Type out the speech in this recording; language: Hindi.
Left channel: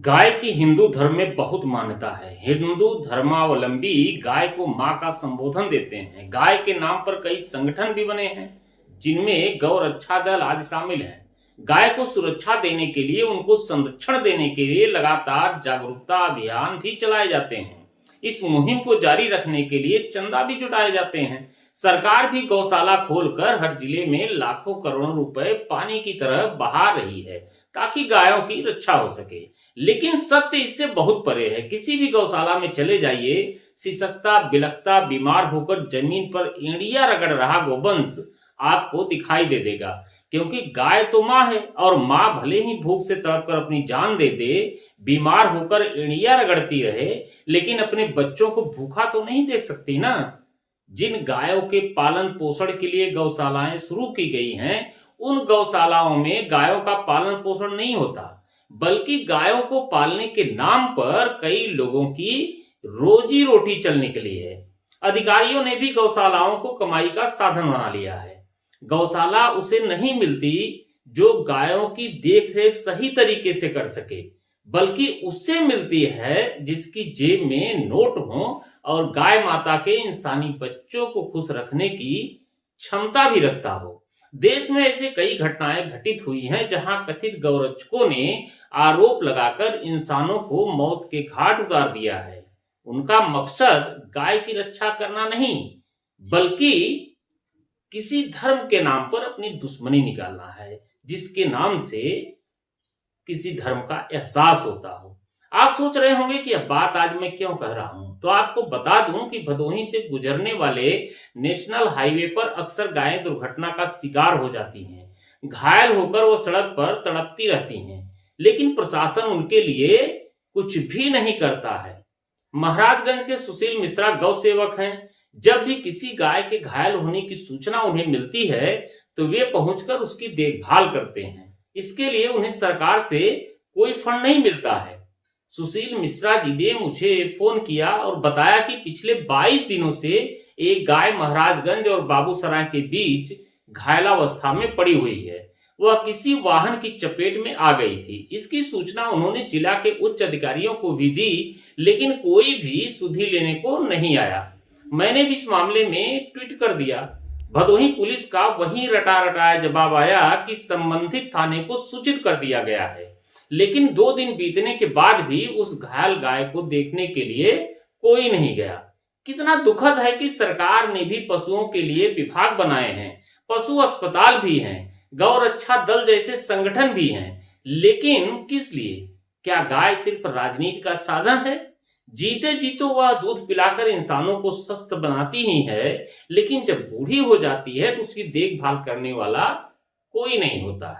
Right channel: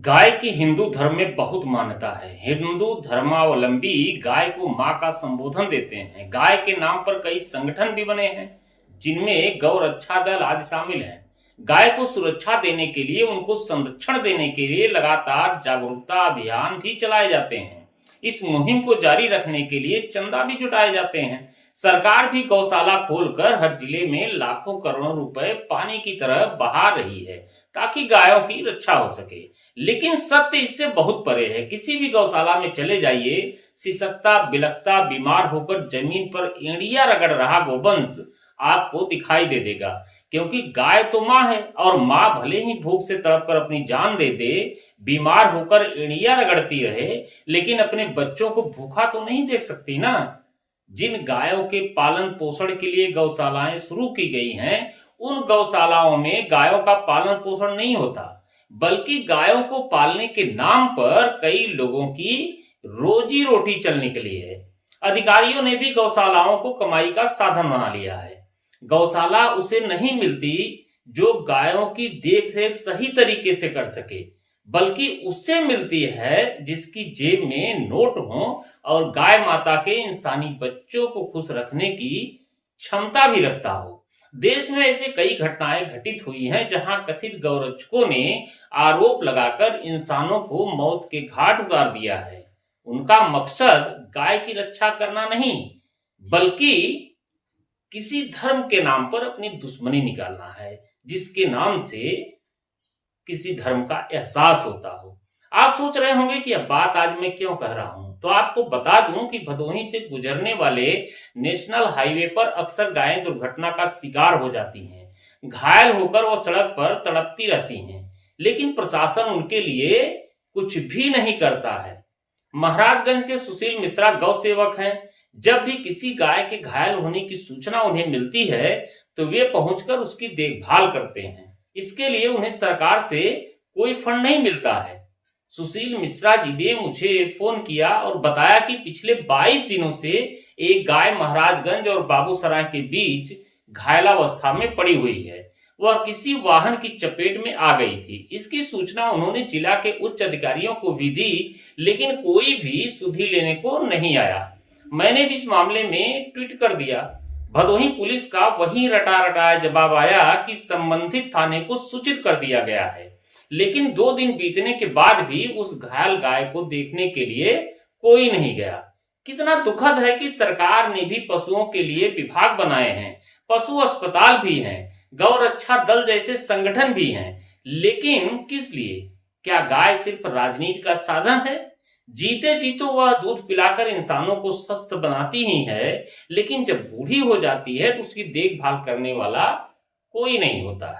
गाय की हिंदू धर्म में बहुत मान्यता है। हिंदू धर्मावलंबी गाय को मां का संबोधन देते हैं। गाय के नाम पर कई संगठन भी बने हैं, जिनमें गौ रक्षा दल आदि शामिल हैं। गाय को सुरक्षा देने के लिए, उनको संरक्षण देने के लिए लगातार जागरूकता अभियान भी चलाए जाते हैं। इस मुहिम को जारी रखने के लिए चंदा भी जुटाए जाते हैं। सरकार भी गौशाला खोलकर हर जिले में लाखों करोड़ों रुपए पानी की तरह बहा रही है, ताकि गायों की रक्षा हो सके। लेकिन सत्य इससे बहुत परे है। किसी भी गौशाला में चले जाइए, सिसकता बिलखता बीमार होकर जमीन पर एड़िया रगड़ रहा गोवंश आपको दिखाई दे देगा। क्योंकि गाय तो माँ है, और माँ भले ही भूख से तड़प कर अपनी जान दे दे, बीमार होकर एड़िया रगड़ती रहे, लेकिन अपने बच्चों को भूखा तो नहीं देख सकती ना। जिन गायों के पालन पोषण के लिए गौशालाएं शुरू की गई हैं, उन गौशालाओं में गायों का पालन पोषण नहीं होता, बल्कि गायों को पालने के नाम पर कई लोगों की रोजी रोटी चलने के लिए है। अधिकारियों ने भी गौशालाओं को कमाई का साधन बना लिया है। गौशाला उसे नहीं मिलती जो गायों की देखरेख सही तरीके से कर सके, बल्कि उससे मिलती है जिसकी जेब में नोट हो और गाय माता के इंसानी बच्चों को खुश रखने की क्षमता भी रखता हो। देश में ऐसे कई घटनाएं घटित हुई हैं, जहां कथित गौरक्षकों ने आरोप लगाकर इंसानों को मौत के घाट उतार दिया है। उनका मकसद गाय की रक्षा करना नहीं, बल्कि किसी धर्म के नाम पर अपनी दुश्मनी निकालना है, जिसके नाम से किसी धर्म का एहसास होता हो। आप सोच रहे होंगे कि अब बात आज मैं क्यों कह रहा हूं, तो आपको बता दूं कि भदोही से गुजरने वाले नेशनल हाईवे पर अक्सर गायें दुर्घटना का शिकार हो जाती हैं। घायल होकर वो सड़क पर तड़पती रहती हैं, लेकिन प्रशासन उनके लिए कुछ भी नहीं करता है। महाराजगंज के सुशील मिश्रा गौ सेवक हैं। जब भी किसी गाय के घायल होने की सूचना उन्हें मिलती है, तो वे पहुंचकर उसकी देखभाल करते हैं। इसके लिए उन्हें सरकार से कोई फंड नहीं मिलता है। सुशील मिश्रा जी ने मुझे फोन किया और बताया कि पिछले 22 दिनों से एक गाय महाराजगंज और बाबूसराय के बीच घायलावस्था में पड़ी हुई है। वह किसी वाहन की चपेट में आ गई थी। इसकी सूचना उन्होंने जिला के उच्च अधिकारियों को भी दी, लेकिन कोई भी सुधि लेने को नहीं आया। मैंने भी इस मामले में ट्वीट कर दिया। भदोही पुलिस का वही रटा रटाया जवाब आया कि संबंधित थाने को सूचित कर दिया गया है। लेकिन 2 दिन बीतने के बाद भी उस घायल गाय को देखने के लिए कोई नहीं गया। कितना दुखद है कि सरकार ने भी पशुओं के लिए विभाग बनाए हैं, पशु अस्पताल भी हैं, गौ रक्षा दल जैसे संगठन भी हैं, लेकिन किस लिए? क्या गाय सिर्फ राजनीति का साधन है? जीते जी तो वह दूध पिलाकर इंसानों को स्वस्थ बनाती ही है, लेकिन जब बूढ़ी हो जाती है तो उसकी देखभाल करने वाला कोई नहीं होता है।